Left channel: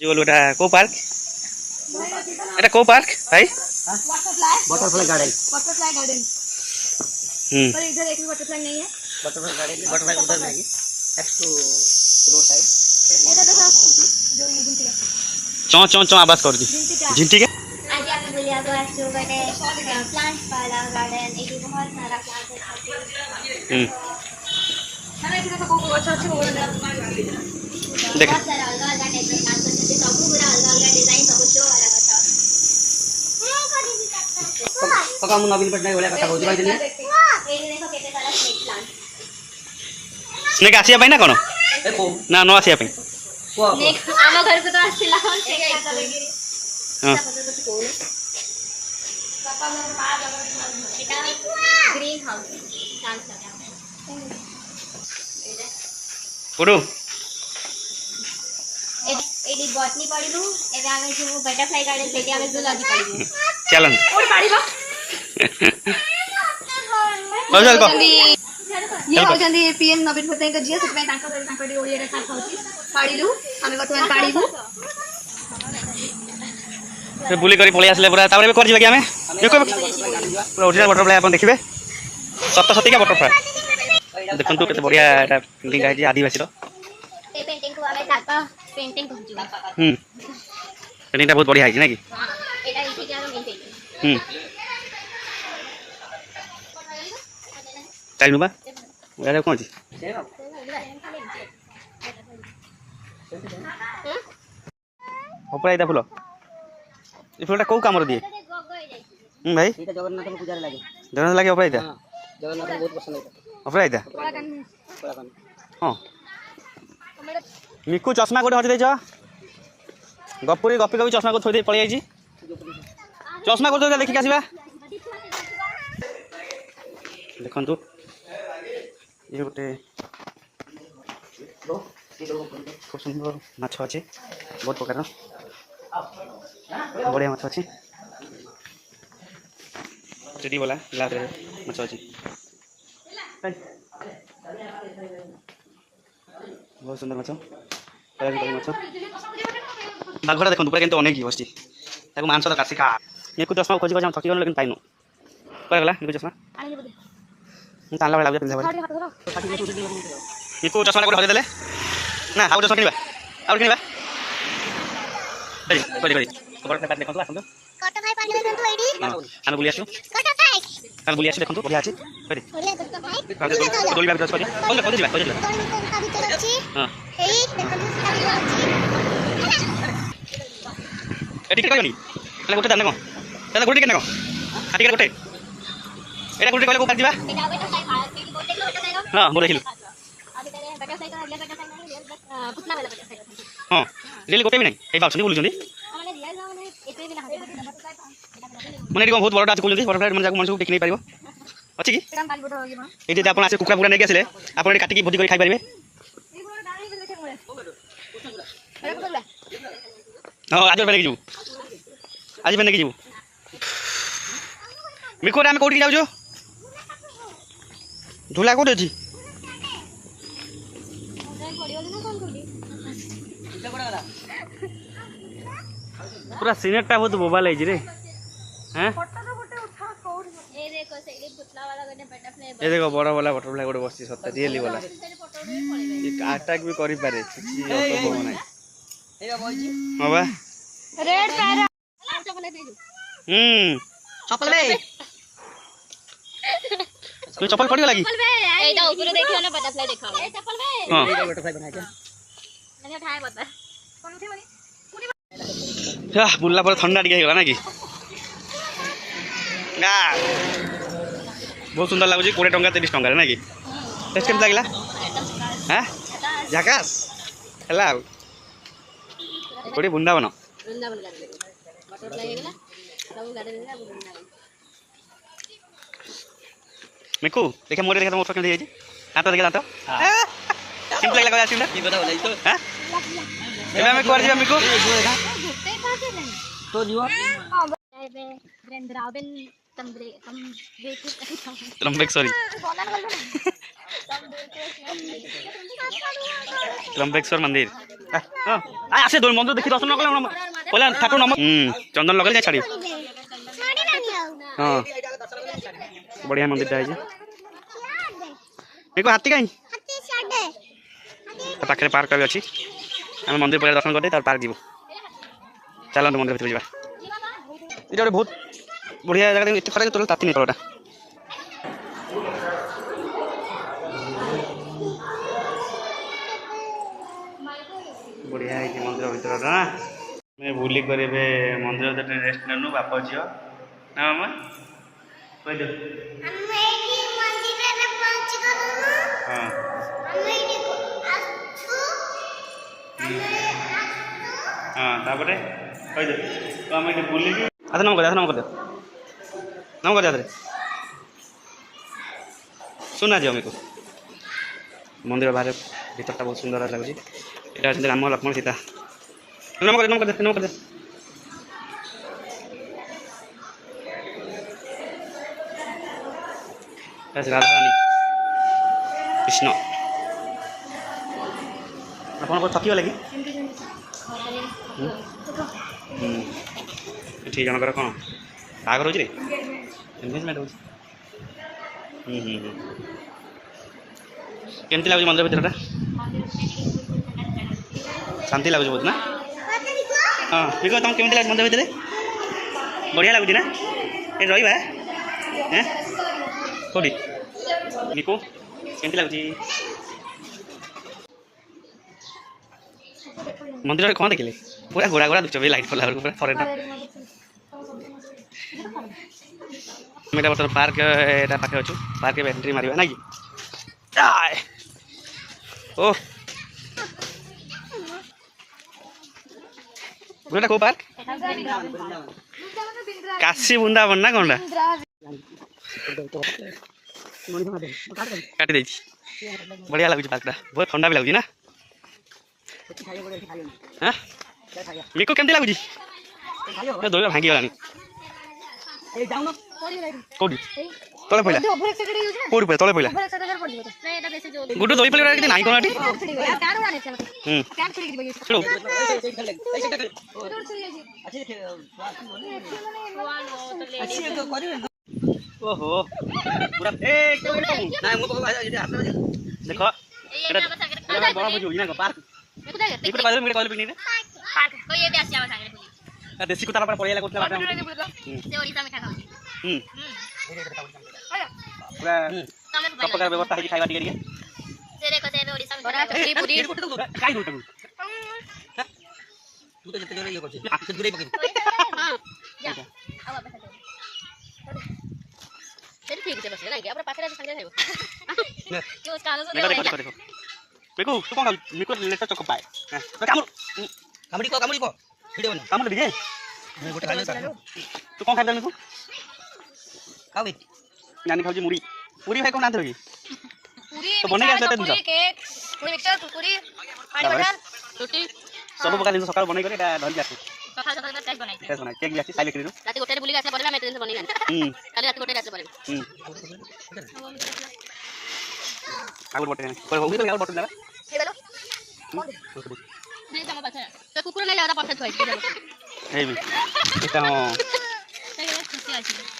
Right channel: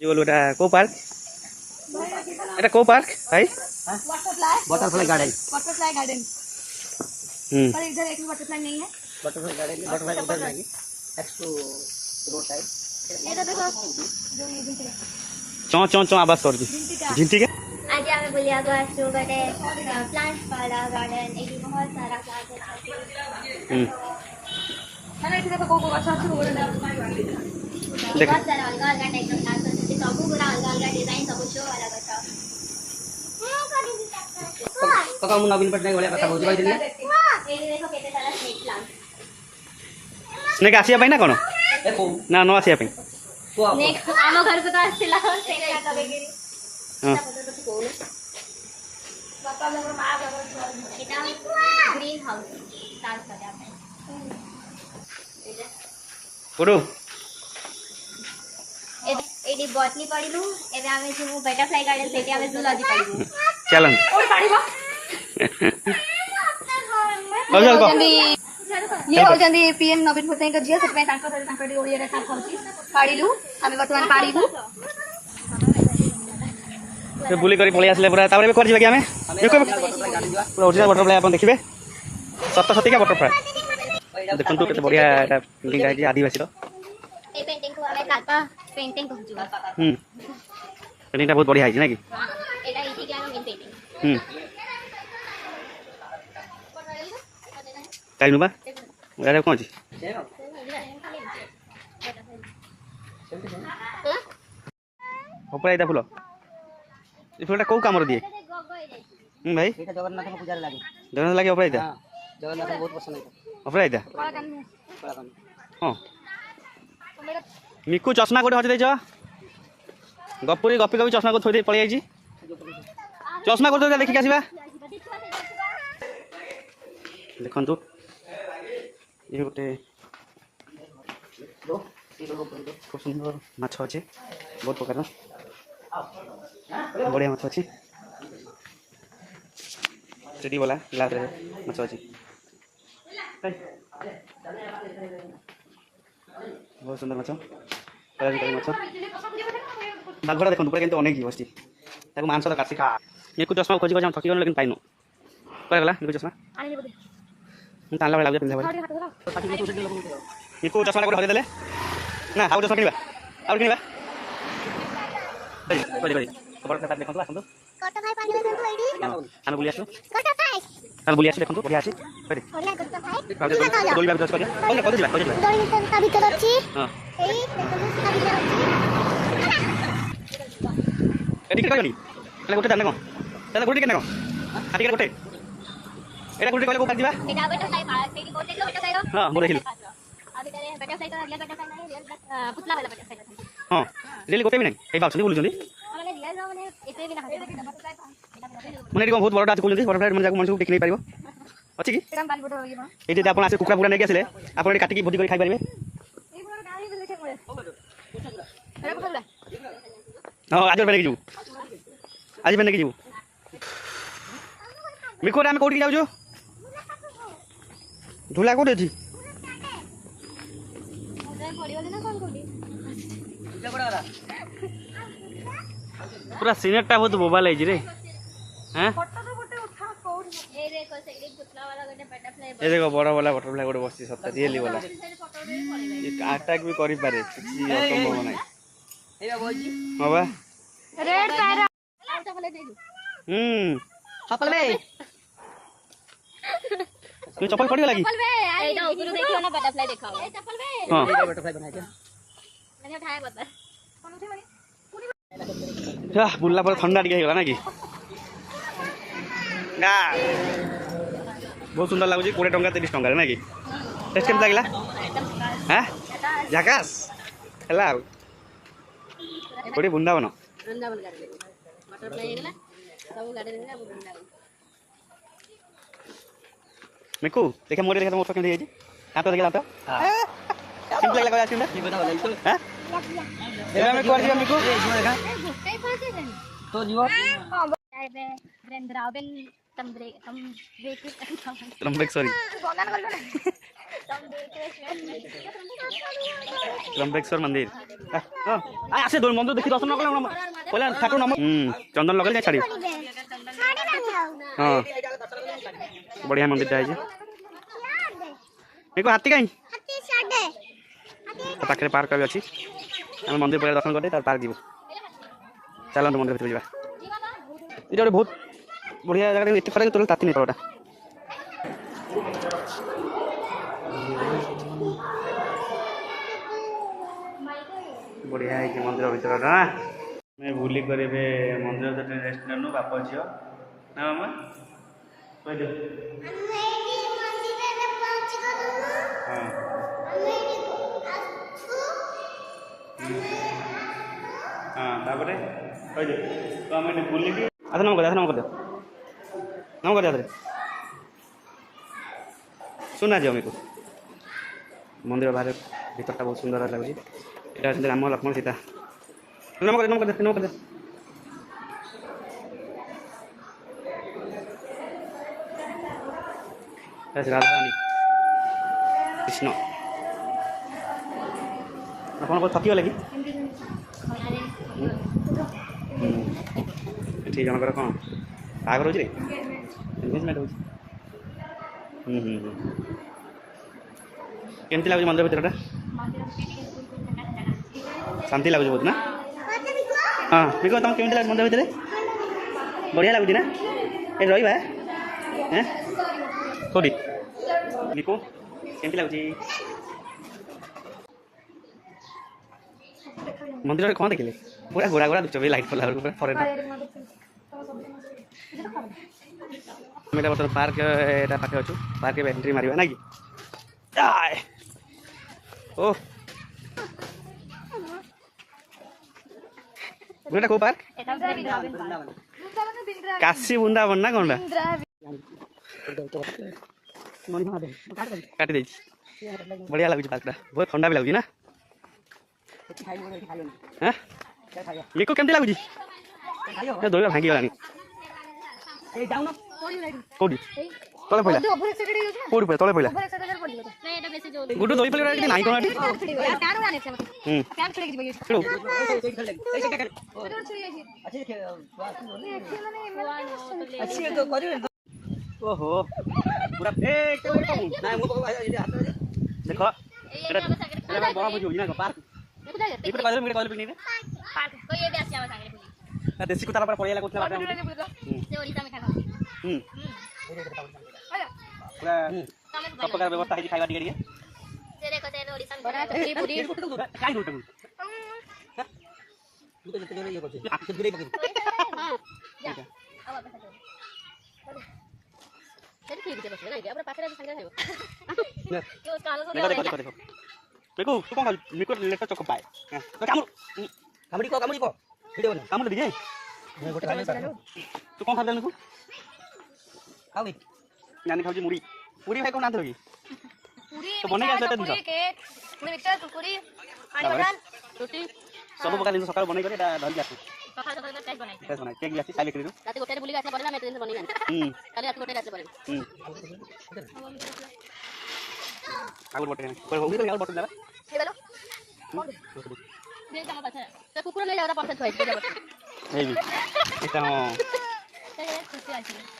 এটা কো পার্ক? এটা কো পার্ক ভাই? Butterfly garden. Butterfly garden. पर इधर एक भी बटरफ्लाई नहीं है। बटरफ्लाई गार्डन, बटरफ्लाई उधर नहीं है, नेक्स्ट टू रोड साइड। ये तो जो ये जिनके चौ चौ चौ आवाज कर दी झिंटी के। आज हमें बुलिया को एक्सप्लोर करते हैं प्लांट्स वाला गार्डन। एक बहुत सारा प्लांट है। मैंने इसे देखो को अच्छा अच्छी बोल रहा देख बहुत सारा अलग अलग टाइप का प्लांट्स है। सब पूरा अलग अलग डिजाइन सब जो अलग अच्छा। पका हम नवीन पटनायक वाला कथा बोलते भाई दिलिया। ये देखो केते सारा स्नेक प्लांट। स्नेक आसिया पाई ना कोन? देखो ना नो आसिया पाई। को स्नेक आमा घर को तो आसिला हो स्नेक का लगे। हां पापा लोग बाहर लगा এটা ग्रीन हाउस तार सजा है। ओडो एडी बॉटनी पडिलु एबे आमे छु बटरफ्लाई गार्डन सेठी आमे जूलॉजी पडिलु। चलन और पाड़ीबो चल चल को ये होजंदी पीएम नवीन पटनायक जिया से तांका ओडिया रे का खाउची पाड़ीलु आमे वर्तमान पाड़ीबु से बुली करी पळी आसले पूरा ताबरे कर जिबा कि हमें देखो पूरा ओरिजिनल बटरफ्लाई अपन देखिबे सत्य सत्य का बटरफ्लाई देखन तो केते बढ़िया एटा पेंटिंग है आदिवासी रो। ए पेंटिंग को आमे तापा पेंटिंग कहजु। पेंटिंग बहुत बढ़िया है ना कि एटा इति के आमे मिलते। टाइम नुबा एटा कोन छी ऊपर आइदा फुल ए फुलटा को काम रो दिए भाई এটা জগন্নাথ পূজারে লাগে। जगह लगे ऊपर आइदा हां जगन्नाथ बहुत पसंद है। ऊपर आइदा बड़ा कान में हां मिकु चश्मा कोठे हटि दैछ गपुरी गपी गपी चश्मा को थोइ दे पळी आइछि चश्मा को देखि के आसीबा देखन तू ये गोटे खूब सुंदर माछ अच्छे बहुत प्रकार बढ़िया माछ अच्छी चेडी वाला ग्लास रे माछ अच्छी बहुत सुंदर माछ माछ बाघड़ा देखो पूरा अनेक बस मांस तो कासी खा निकु चश्मा खोजी खोजी थकी गल लेकिन पाइनु कह गला निकु चश्मा आनी बोले ताला वाला पिंधा निकु चश्मा को हटे देले ना आउ चश्मा किनिबा आउ किनिबा करी करी करी खबर पे बात देखो तो आसंतो कट भाई पानी में तो एडी हम बुली आसु कट भाई हम बुली आसु देखो तो बढ़िया अछि करी होला कट भाई डोली बाबी करी कौन जिबा डोली का भीतर अछि। हां एई देखो तो सारी अछि। एडी के कनी एला गोटे दाना को एला गोटे केना को हाटी के गोटे एला गोटे कहले को पाक जिबा एटा बटरफ्लाई पार्क एडी बोटे बटरफ्लाई रो। हां मोरे हिल अभी करे बटरफ्लाई का बटरफ्लाई नहीं पुतला वाला बटरफ्लाई। हां रेल गोटे भी नहीं ए बाप छनी बोलु जंदी हमने रियल रो माने एते भी ना बटरफ्लाई माने एडी बहुत बड़टा अछि कोलु बटरफ्लाई मन जाको मन सब टेक नहीं पारिबो अछि कि एटा बाल बोटो ये ए जे आपण आसे कुकरा पुरा नै गेसले आपण एडी काटी की भोजी करी खाइ पारिबे ये बोले डाली बोले देखे मोरे ये बोले हां आज बने की जीव आज बने की जीव मिको रे हम कोठी जाउ जो झूला कोठी अछि पूरा सीनेटा बहुत मोबाइल है जी रे हैं फोटो तो गोटे उठा कोड ये देखो सही पुतला वाला गने बटरफ्लाई ये देखो बड़ा वाला बटरफ्लाई गोटे बसची सत्य रियली वाला ये अटैक भी करि पारे किछि असंभव नै एबा बोलजी हां बा रेड पैरा चॉकलेट दे दो। चप्पल बे तू चप्पल पड़ी लगी एटा ऊपर देखियो ना बटरफ्लाई देखो ए चप्पल बे हां बटरफ्लाई बनाए के मैंने उठाए बता कौन उठे वाली या बुल्ला पर ठंडा टिके होला ना कि गा बहुत सुंदर लागुची 20 टंका 30 टंका रे ना कि टेस्ट केम लागला हैं झकास हला कोडी बुंदा बनो वृंदावन गार्डन बटरफ्लाई है ना सब गार्डन है वृंदावन। मिकू देखा मोरे देखा मोर केम देई हां तो देखा तो केम लागला का आसिम की बता बोलै तो हैं एबे हम कर दिबा मिकू तो जीवा वृंदावन तम ब्रेक लंबेक सॉरी त्रंबकेश्वर मंदिर आसे दो मंदिर देखी दर्शन नकले पहले ठाकुर नम चंदन लगे जाए छाड़ी हाँ बढ़िया मंदिर है देखो हाथी कहीं पाखे पार्क भी अच्छी आम मंदिर पहले दर्शन करते पार्क जीव चलते मंदिर भर जावा ये गोटे बहुत बढ़िया जगह एत खरा तुल ताती नहीं तलटा बढ़िया है मंदिर भर ना मैं बुली कर मंदिर रेस्ट नेनु बाप झील ना मामा कह दे हाँ हाँ तापर कह दे तो आम बुली अच्छा नम कर नम कर नम कर सुना जी आम को मंदिर बाहर भीतरटा बहुत सुंदर लगुच यहाँ राम लक्ष्मण सीता नम कर नम कर नम कर राधा रानी कृष्ण आप थकी गले कि ठीक जनकर कौन बाहर रोचे एंगेजमेंट केमती लगुच मंदिर भीतर शांति लगुच बहुत ना हाँ ठीक है तुम केमती लगे मंदिर भीतर बढ़िया लगुच ना ये रहा है कौटी निको केमती लगुच मंदिर कौन देखिले पूरा घोड़ा घोड़ा दुच लाइट पड़ा पूरा फरेन मेरा बर्तमान पार्क एटा पाखे अच्छु पार्क एंट्री मारिबा ना कि ओ गोटा को पार्क काशी वृंदावन ना कौन काटी देछि बढ़िया लगुच पार्कटा बहुत ठंडा भी लगुच ना हाँ मिको केमती लगुच दौड़ा भांगी गलानी कौटी तले पड़ा कौटी पड़ा तले पड़ा गुड्डू दई पड़ी कि नाई कौन ओहो पूरा देखो देसी कुत्ता पड़े व्यवस्था है खाଇବା ଟିକେ देखो तू कौन मिको लेटर चोक पाए कामुड़ी को वीडियो बना कामुड़ी दिए तू कौन खाइबा मिको खाओ नानी खाऊ मुड़ी पूरी भाई कौन आंथे होगी तो बने के आते पूरी केक पूरी मिक्सचर कुरकुरी पानी बटर रोटी सब प्रकार जिन सकाळ बनै करे एटा धरि आसी सकाळ सकाळ टेस्ट बनाई केक आसी साइले करिनु राती गोटे बुली आसे परला मैं दिन से बनै जानी काली राती गोटे रात परबे आगुर बटे कोइ होगी तो आगुर बटे लगा हे बेलो दे तम पाछे तो कुकुर नै लादा पाछे थोइ हे भी एटा खुशी आछि